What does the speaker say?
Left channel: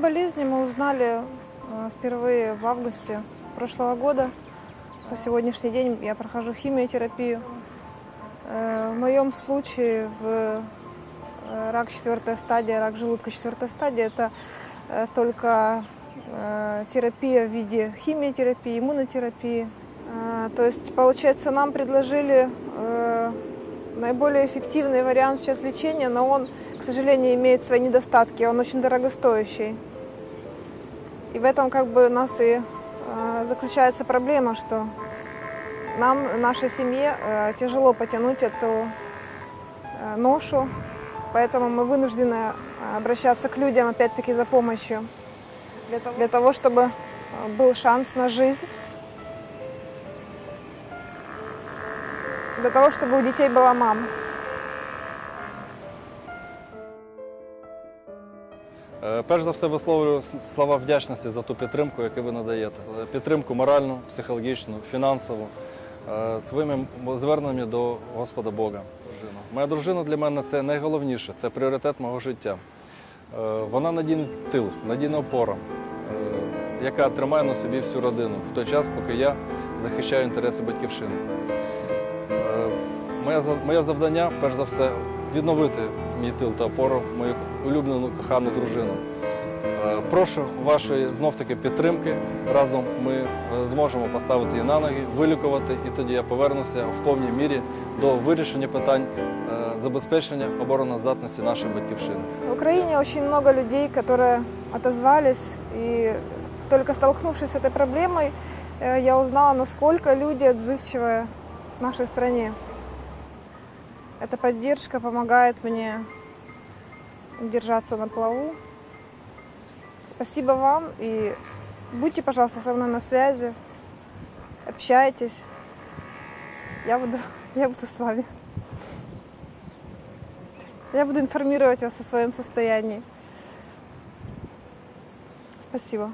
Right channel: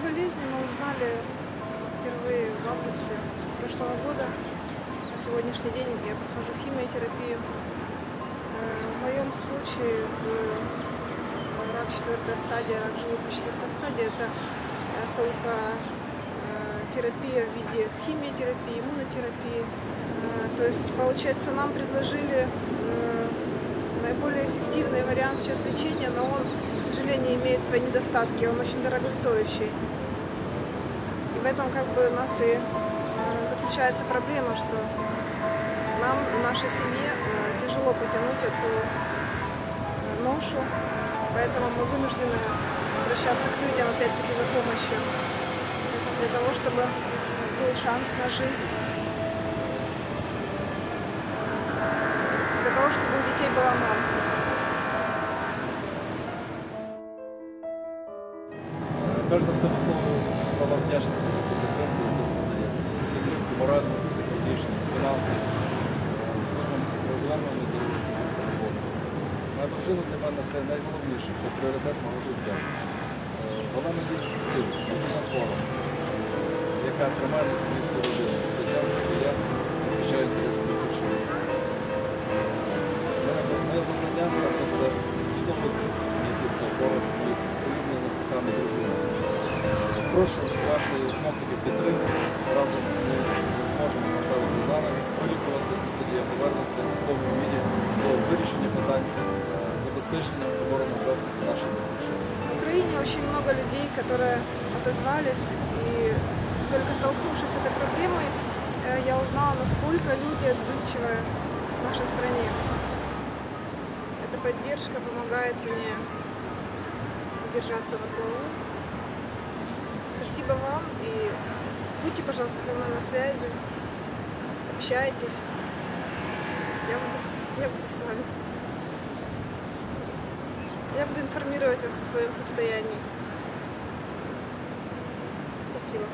болезни мы узнали э, впервые в августе прошлого года. По сегодняшний день я прохожу химиотерапию. Э, В моем случае в э, рак четвертая стадия, рак желудка четвертая стадия, это только терапия в виде химиотерапии, иммунотерапии. То есть, получается, нам предложили наиболее эффективный вариант сейчас лечения, но он, к сожалению, имеет свои недостатки, он очень дорогостоящий. И в этом как бы у нас и э, заключается проблема, что нам, нашей семье, э, тяжело потянуть эту э, ношу, поэтому мы вынуждены обращаться к людям опять-таки за помощью, для того, чтобы был шанс на жизнь, для того, чтобы у детей была мама. Перш за все висловлюю слова вдячності за ту підтримку, яку ви надаєте. Підтримку моральну, психологічну, фінансову, е, своїм зверненням до Господа Бога. Моя дружина для мене це найголовніше, це пріоритет мого життя. Е, Вона надійний тил, надійна опора, е, яка тримає на собі всю родину в той час, поки я захищаю інтереси батьківщини. Моє завдання, перш за все, відновити мій тил та опору, мою улюблену кохану дружину. Е, Прошу вашої знов-таки підтримки. Разом ми е, зможемо поставити її на ноги, вилікувати, і тоді я повернуся в повній мірі до вирішення питань е, забезпечення обороноздатності нашої батьківщини. В Украине очень много людей, которые отозвались, и только столкнувшись с этой проблемой, э, я узнала, насколько люди отзывчивые в нашей стране. Эта поддержка помогает мне держаться на плаву. Спасибо вам и будьте, пожалуйста, со мной на связи, общайтесь. Я буду, я буду с вами. Я буду информировать вас о своем состоянии. Спасибо.